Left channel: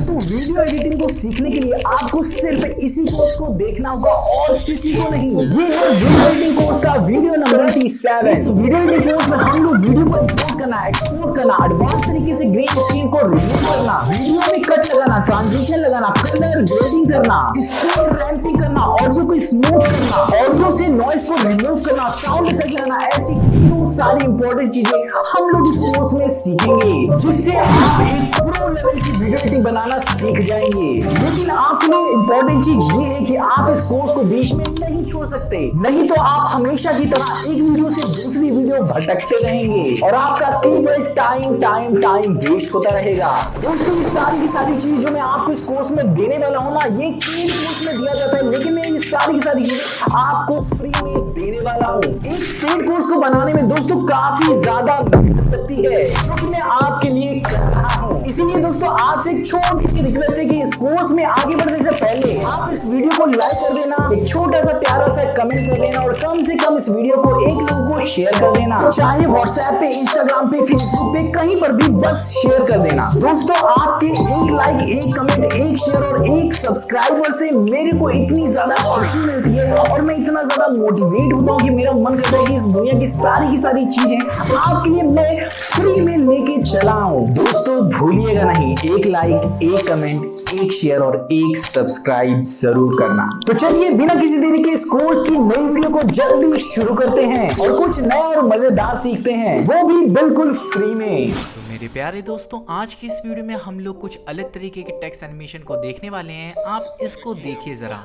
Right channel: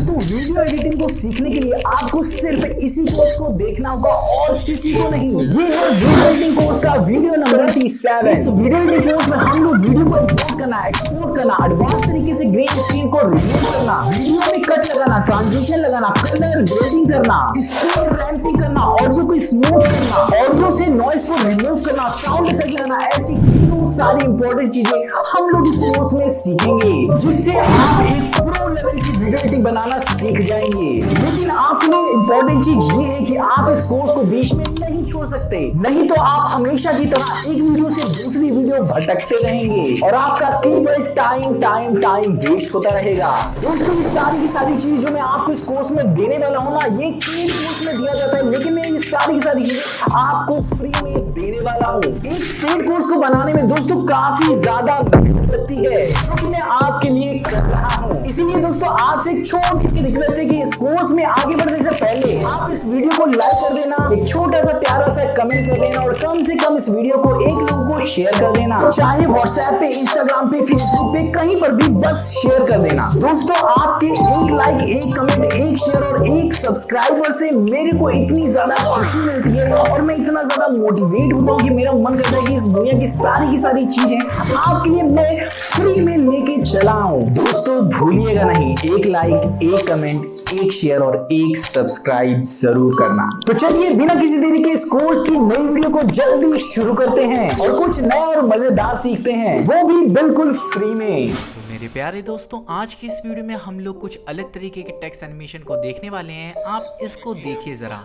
दोस्तों video editing को सीखने के लिए आपको सिर्फ इसी कोर्स को देखना होगा और किसी को नहीं। ये है वीडियो एडिटिंग कोर्स का वीडियो नंबर 27। इस वीडियो एडिटिंग कोर्स में हम लोग वीडियो को इंपोर्ट करना, एक्सपोर्ट करना, एडवांस तरीके से ग्रीन स्क्रीन को रिमूव करना, वीडियो में कट लगाना, ट्रांजिशन लगाना, कलर ग्रेडिंग करना, स्पीड रैंपिंग करना, ऑडियो को स्मूथ करना, ऑडियो से नॉइस को रिमूव करना, साउंड इफेक्ट लगाना, ऐसी ढेरों सारी इंपॉर्टेंट चीजें हम लोग इस कोर्स में सीखेंगे, जिससे आप एक प्रो लेवल की वीडियो एडिटिंग बनाना सीख जाएंगे। लेकिन आपके लिए इंपॉर्टेंट चीज ये है कि आप इस कोर्स को बीच में नहीं छोड़ सकते, नहीं तो आप हमेशा की तरह एक वीडियो से दूसरी वीडियो भटकते रहेंगे और आपका केवल टाइम वेस्ट होता रहेगा। दोस्तों ये सारी की सारी चीज जो मैं आपको इस कोर्स में देने वाला हूं ना, ये पेड कोर्स में दिया जाता है, लेकिन मैं ये सारी की सारी चीजें आपको फ्री में देने वाला हूं। एक पेड कोर्स को बनाने में दोस्तों काफी ज्यादा मेहनत लगती है, जो कि मैं आपके लिए कर रहा हूं। इसीलिए दोस्तों आपसे एक छोटी सी रिक्वेस्ट है कि इस कोर्स में आगे बढ़ने से पहले आप इस वीडियो को लाइक कर देना, एक छोटा सा प्यारा सा कमेंट कर देना और कम से कम इस वीडियो को एक लोगों को शेयर कर देना, चाहे व्हाट्सएप पे, इंस्टाग्राम पे, फेसबुक पे, कहीं पर भी बस शेयर कर देना। दोस्तों आपके एक लाइक, एक कमेंट, एक शेयर और एक सब्सक्राइबर से मेरे को इतनी ज्यादा खुशी मिलती है और मैं इतना ज्यादा मोटिवेट होता हूँ कि मेरा मन करता है कि इस दुनिया की सारी चीजें आपके लिए मैं फ्री में लेके चला हूं। दोस्तों भूलिएगा नहीं, एक लाइक, एक कमेंट, एक शेयर और एक सब्सक्राइब जरूर करना। तो चलिए बिना किसी देरी के इस कोर्स की नई वीडियो को जल्दी शुरू करते हैं और कुछ नया और मजेदार सीखते हैं, वो भी बिल्कुल फ्री में। तो मेरे प्यारे दोस्तों, आज की इस वीडियो में हम लोग कुछ अलग तरीके के टेक्स्ट एनिमेशन को देखने वाले हैं। आप इसको देखिए जरा।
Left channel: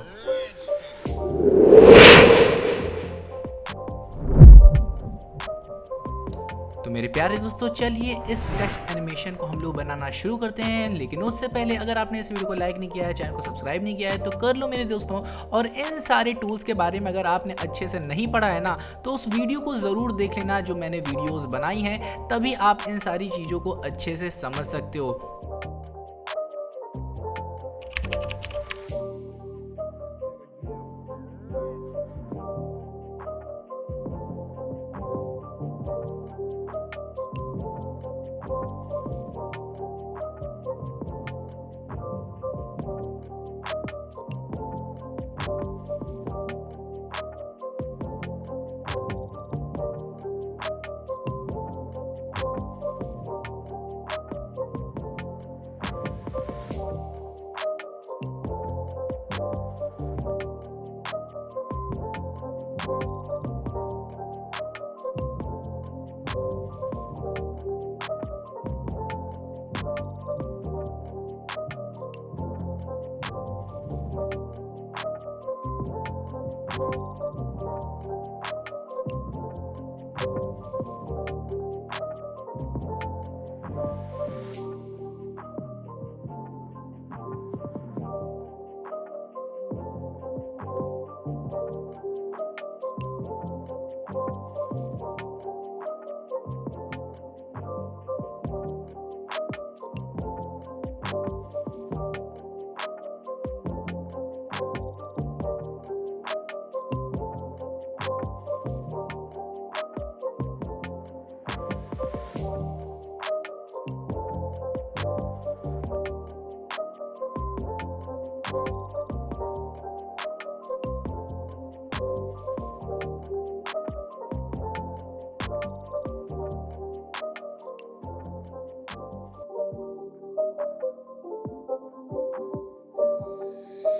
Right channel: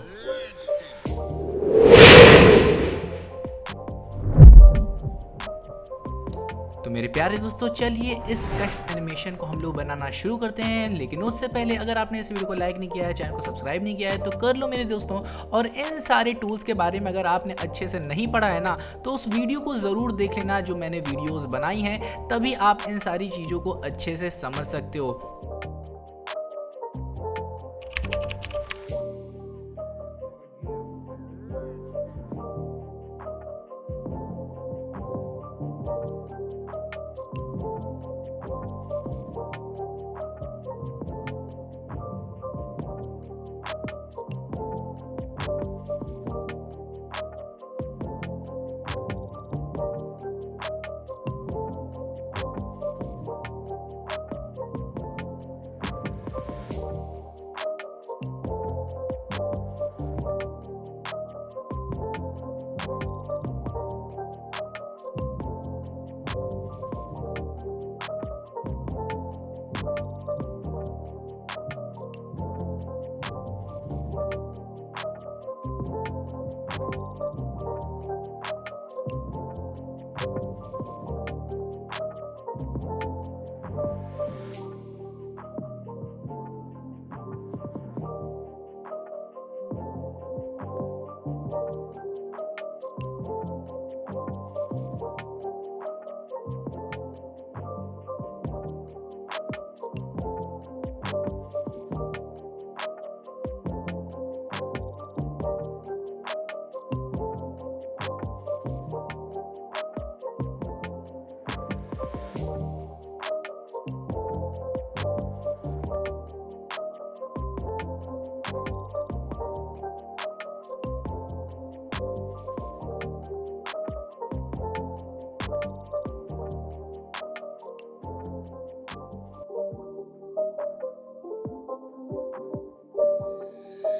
तो मेरे प्यारे दोस्तों, चलिए इस टेक्स्ट एनिमेशन को हम लोग बनाना शुरू करते हैं। लेकिन उससे पहले अगर आपने इस वीडियो को लाइक नहीं किया है, चैनल को सब्सक्राइब नहीं किया है, तो कर लो मेरे दोस्तों। और इन सारे टूल्स के बारे में अगर आपने अच्छे से नहीं पढ़ा है ना, तो उस वीडियो को ज़रूर देख लेना जो मैंने वीडियोज़ बनाई हैं, तभी आप इन सारी चीज़ों को अच्छे से समझ सकते हो।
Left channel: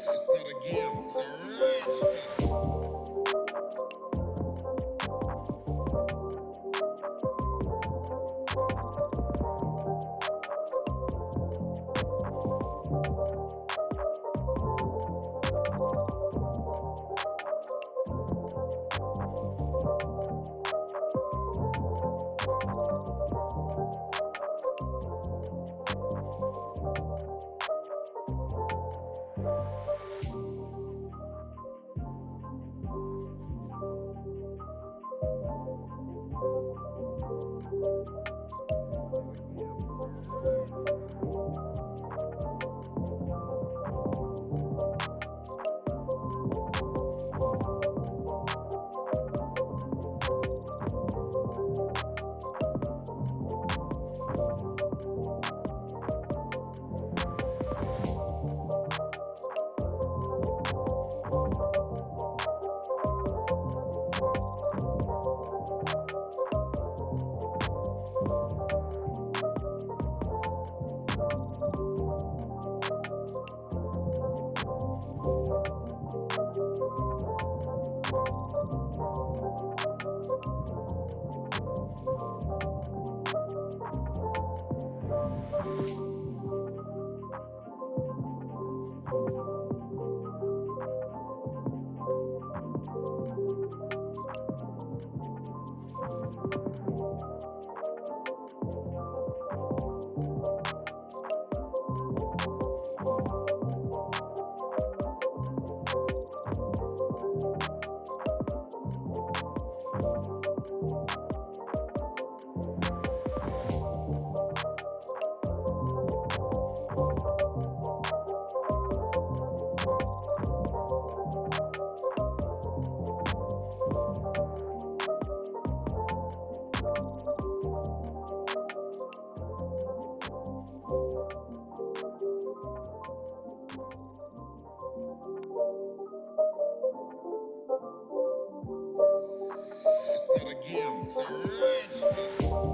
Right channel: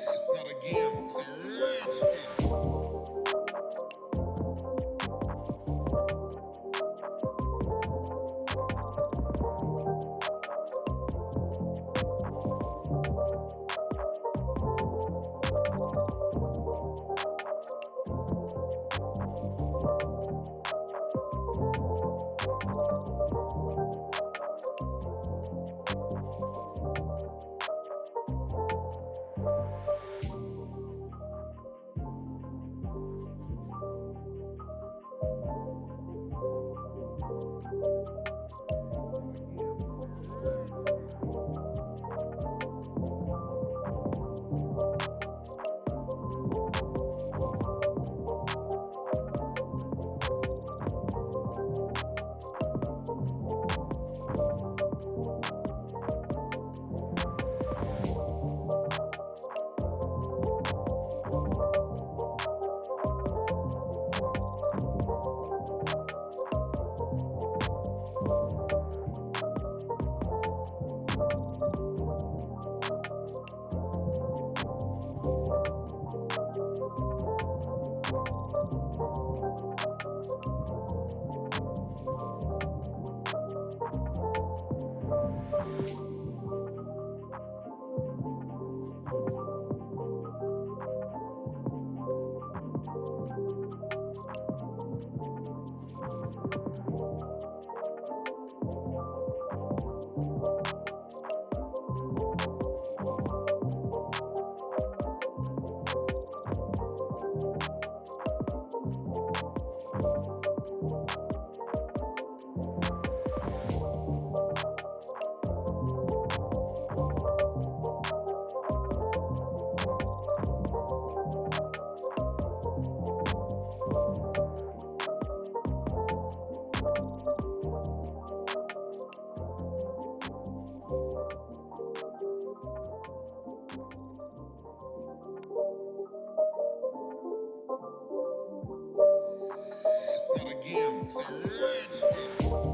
It's not a game, it's a rich thing. again. It's a rich thing.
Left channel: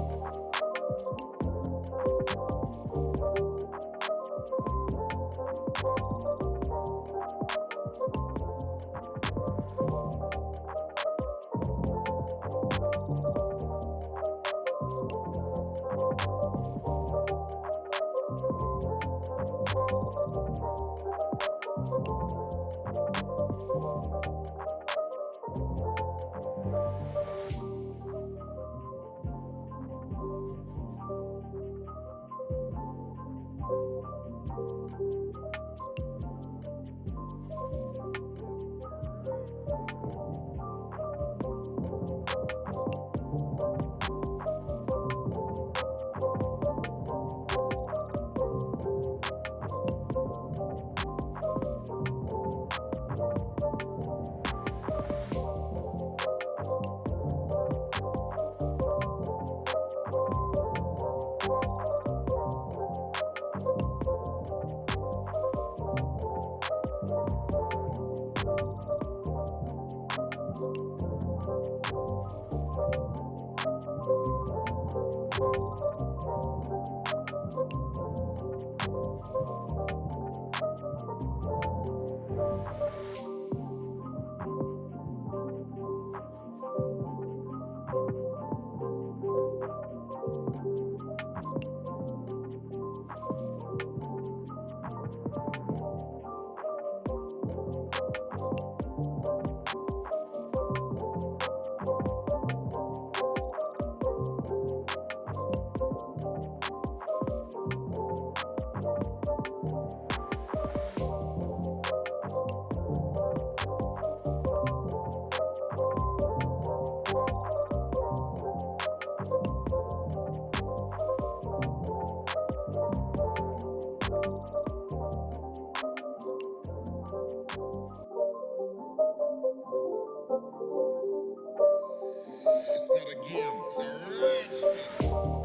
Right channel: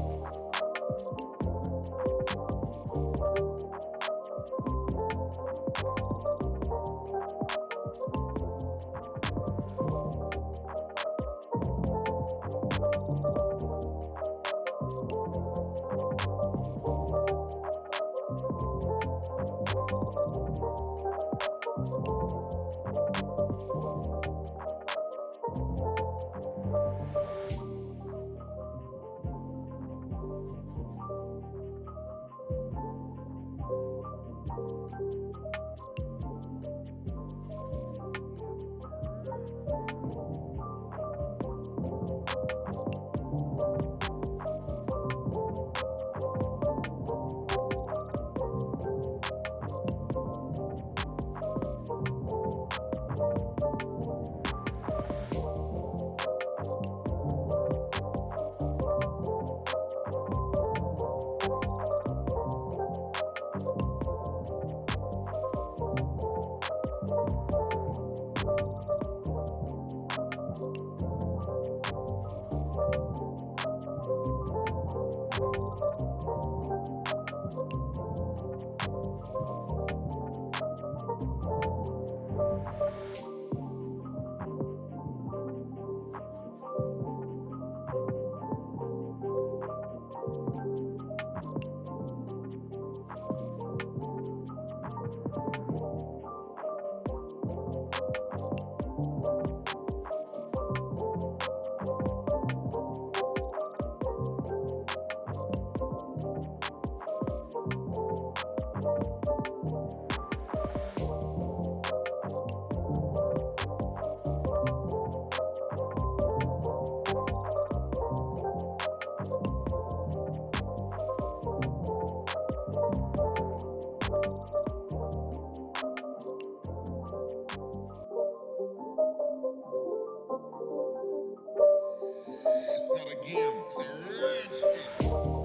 It's not a game, it's a rich thing.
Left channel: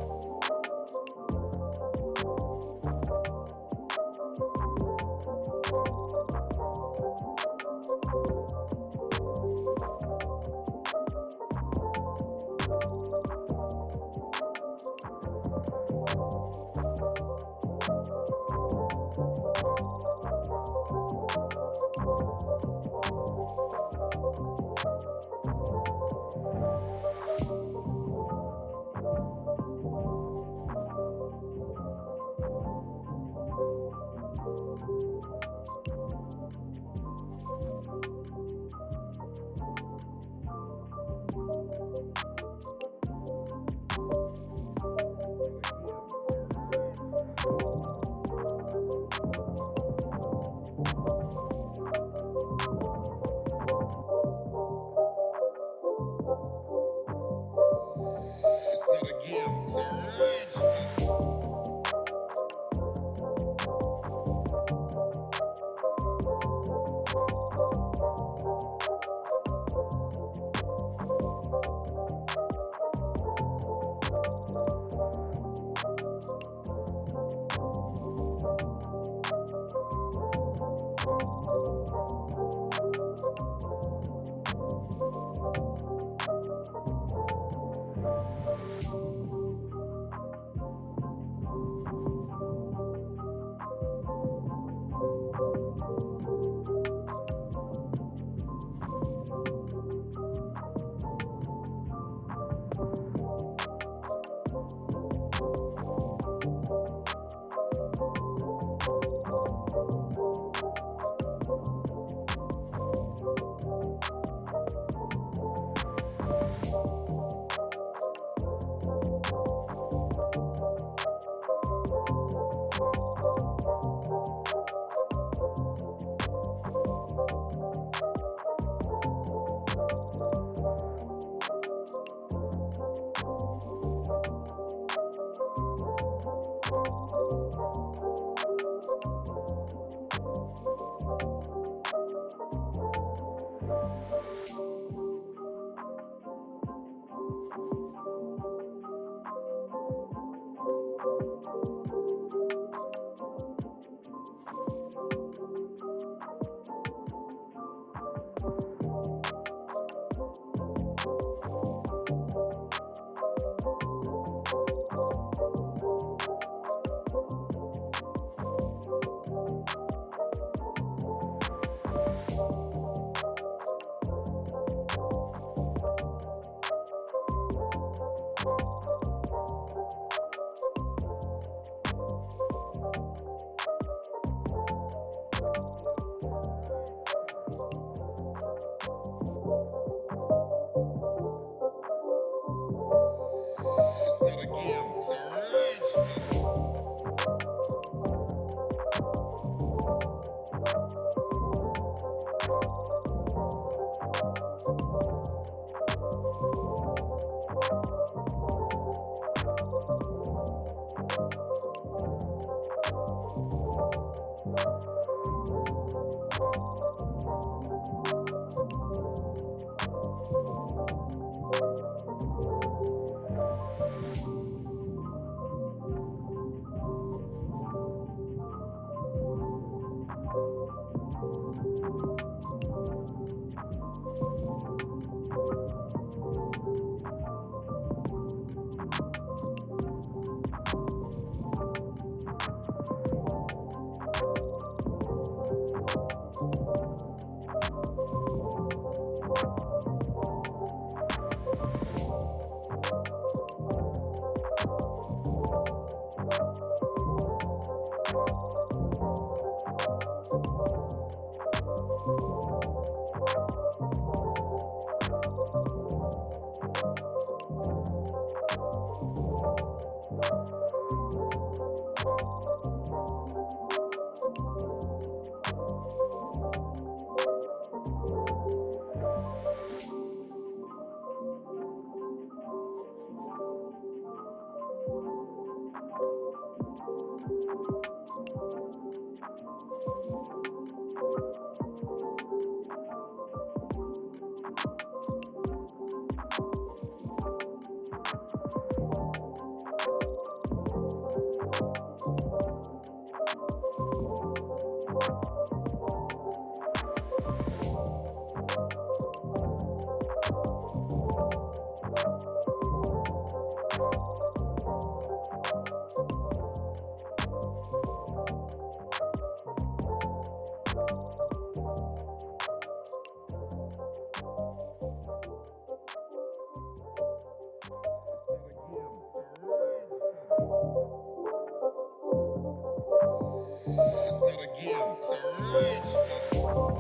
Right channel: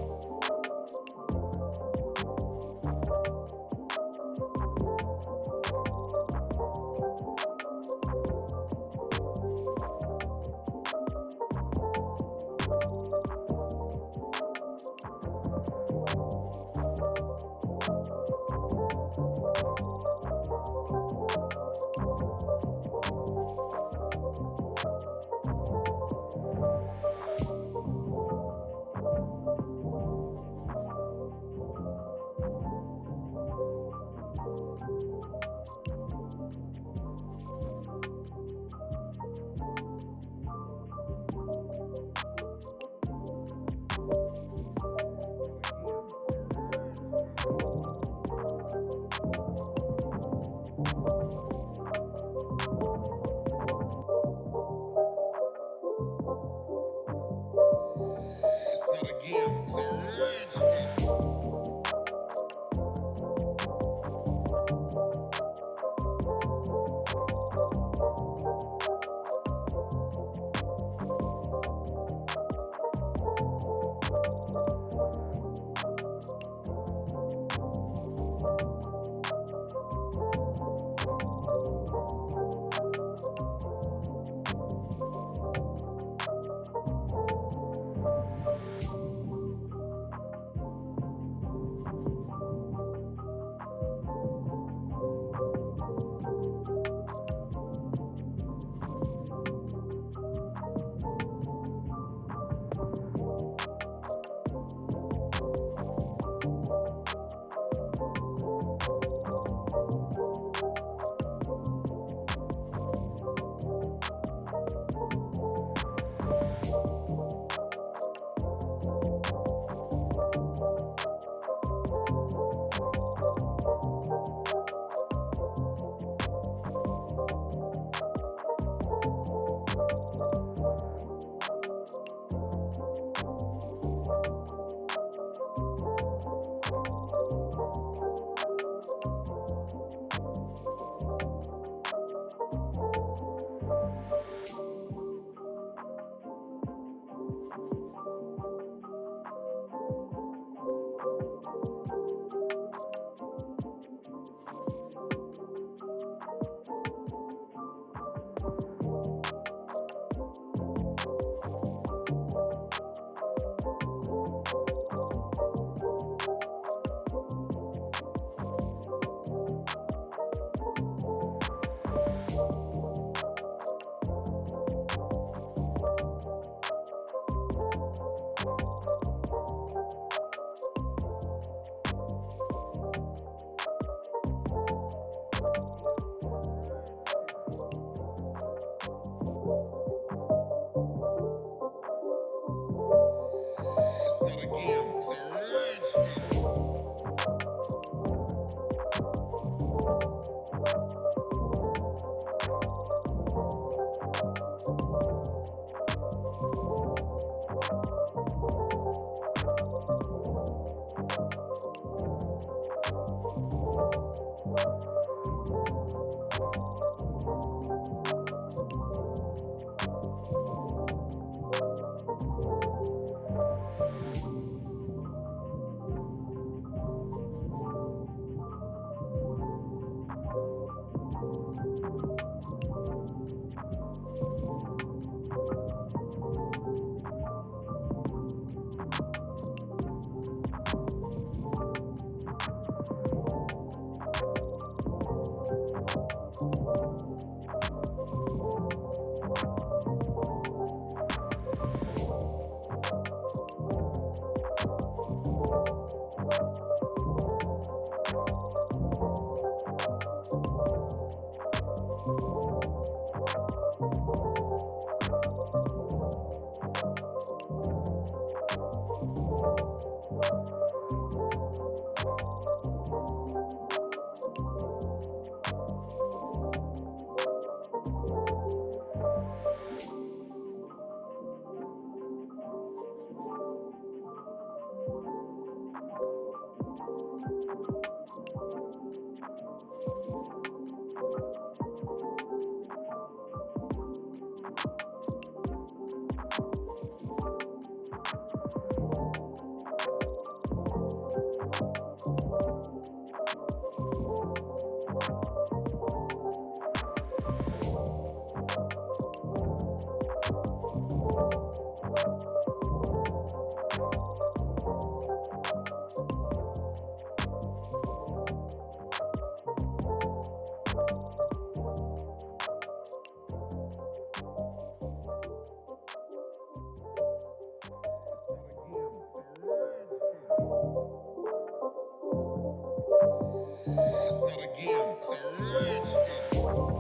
rich thing.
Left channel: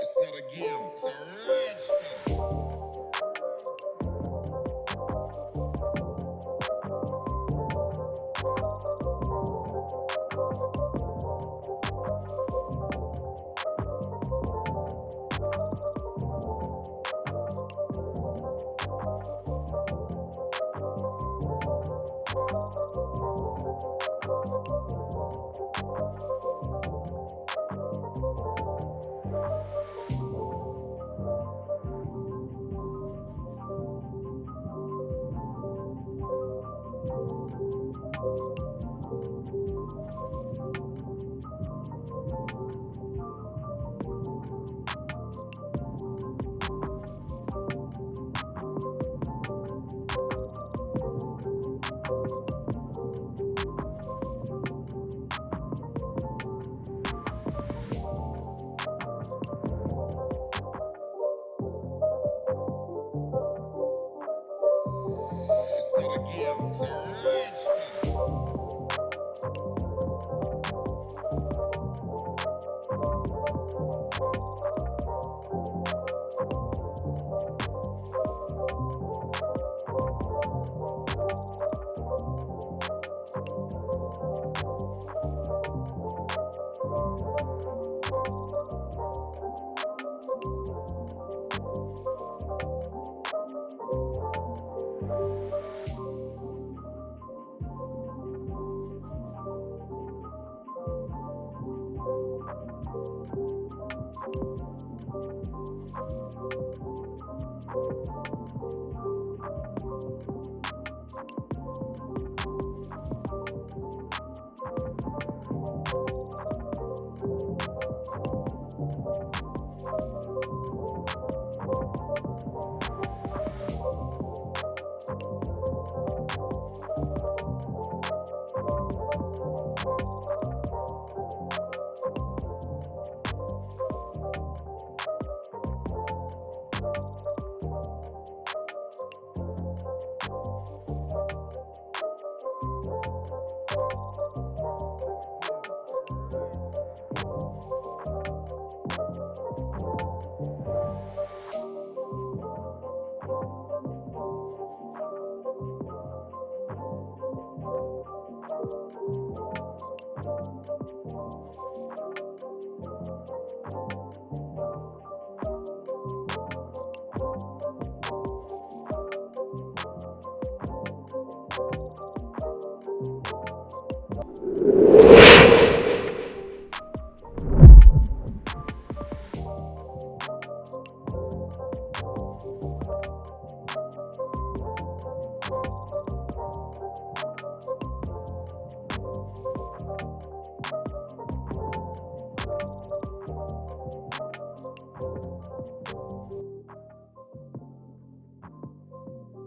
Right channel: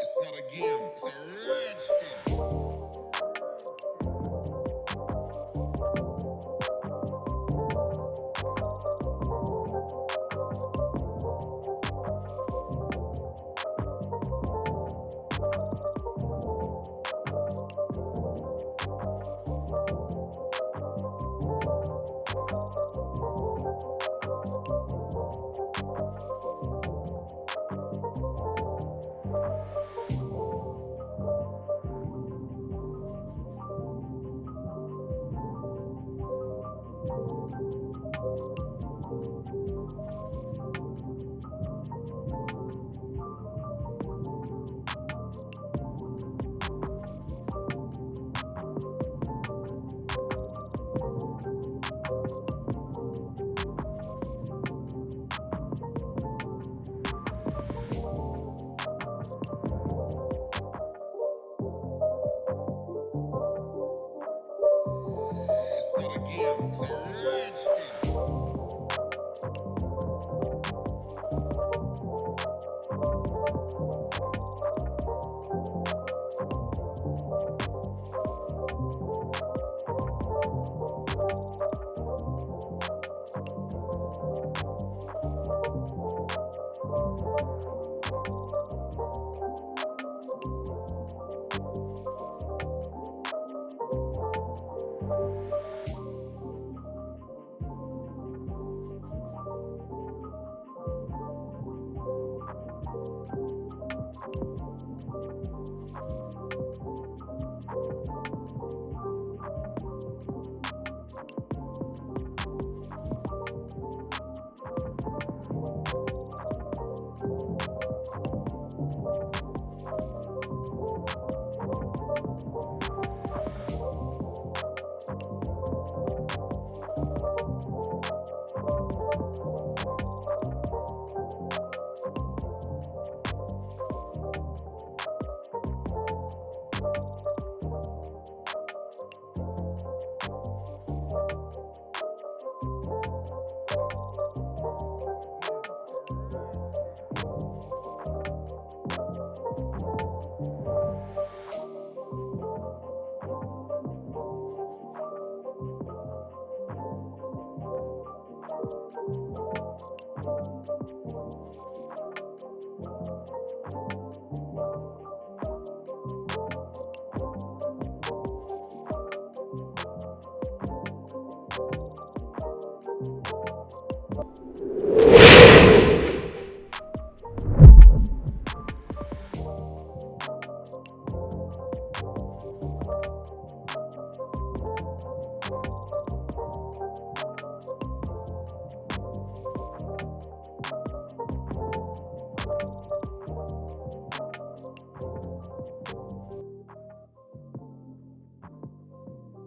It's not a game, it's a rich thing. It's not a game, it's a rich thing.